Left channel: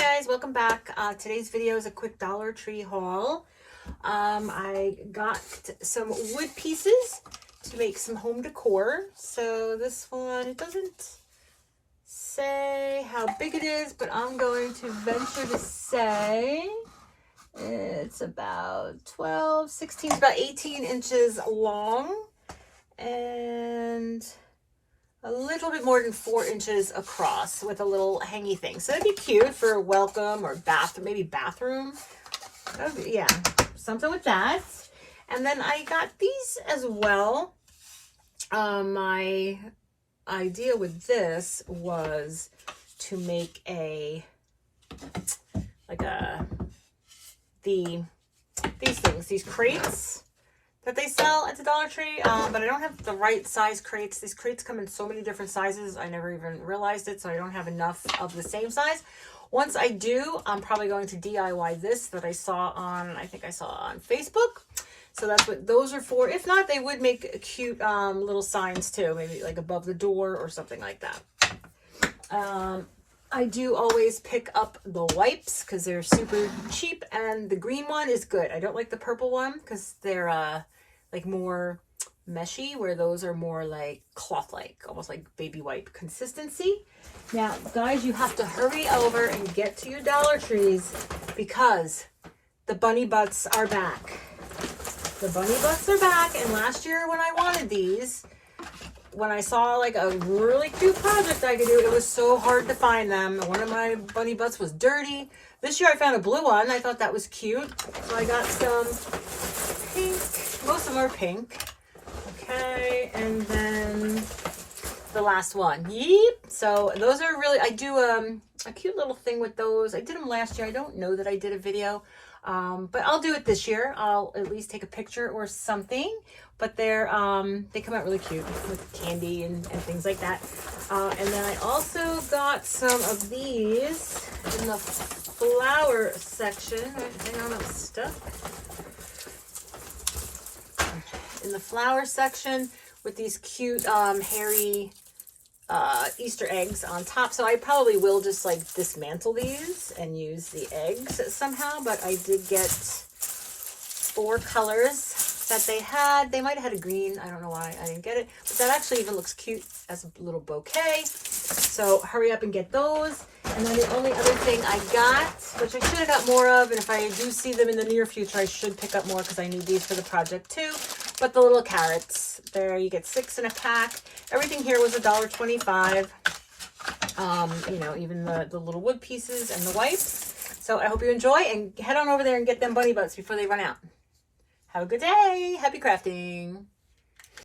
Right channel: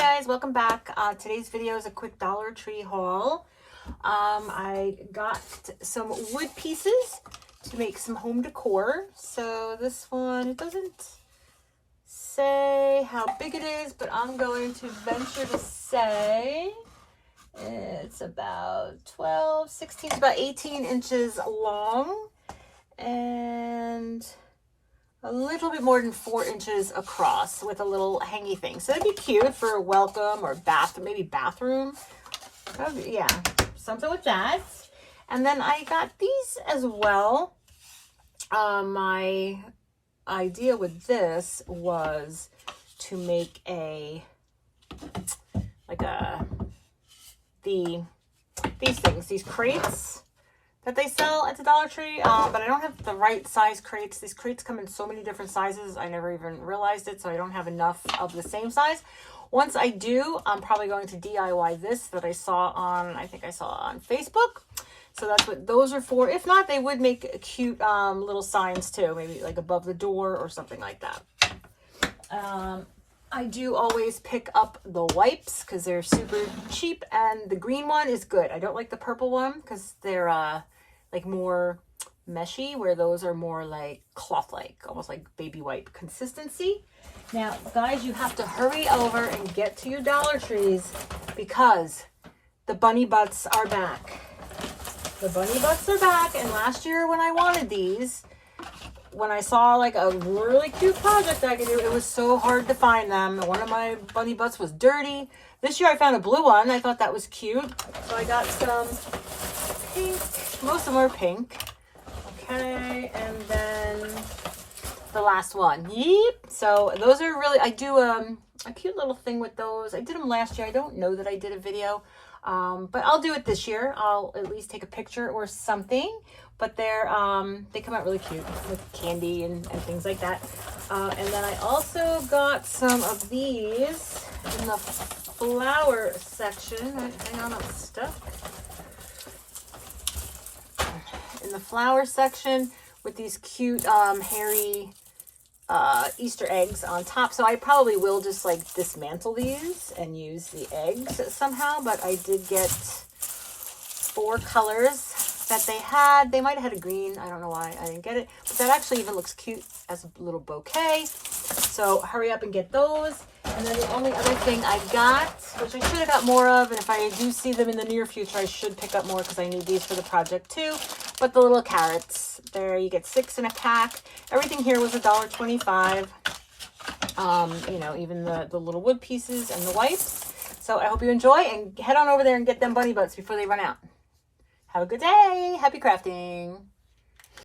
guys, welcome back. Today's video is a quick Dollar Tree haul. I got some wood pieces to make some home decor. So this one, it doesn't say how big it is, but I'm going to venture to say it's about 12, 16, it's about 18 inches long and a little bit more than 4 inches across with a little hangy thing. So that'd be cute for a welcome or bathroom, maybe bathroom. Yeah, something like that. And then I got these as well. My idea with this was to make these crates that they sell at the Dollar Tree, but I don't have the right size crates. These crates come in so many different sizes. I never even realized it, so I don't have enough of the same size. Once I do, I'm probably going to DIY this that I saw on, I think I saw on Facebook. So that's what those are for. If not, they would make cute little signs too, maybe like above the door or something like that. I do always pick up the wipes because they're super cheap, and the green one is good. I don't like the purple one because they're like more meshy, where those are more like cloth-like, almost like baby wipe consistency. Now, guys, you have to hurry over and get to your Dollar Trees because the bunny butts are back. The bunny butts are back, and last year when I wanted these, when I saw like a really cute project I could do, it was so hard to find them. One of my bunny butts was dirty. This year I found a blue one. I thought that was cute. So I got some pink. Most of them are pink. Okay, and then the last one. Yep. So those are really, I do a cute little thing with those. I did them last year. I don't know that I did a video. But I'll do it this year. I'll at least take a picture or something. But they're they come out really cute with candy and things like that. And then I also got some of these in the flower section. Hang on, I'm stuck. In the flower section with these cute hairy Easter eggs on top. So I probably will just like dismantle these and use the eggs somehow, but I did get 4 colors that they had. They might have had a green. I don't know why I didn't get it, but that actually even looks cute as a little bouquet. So hurry up and get those. And then the only other thing I got, which I should have got more of, and if I do see them in the near future, I should pick up more because I need these for the project too. But the little carrots, there you get 6 in a pack. Everything here was $1.25. You know, even the little wood pieces and the wipes. So I hope you enjoy, and head on over there and get them bunny butts before they run out. Have a good day. Happy crafting.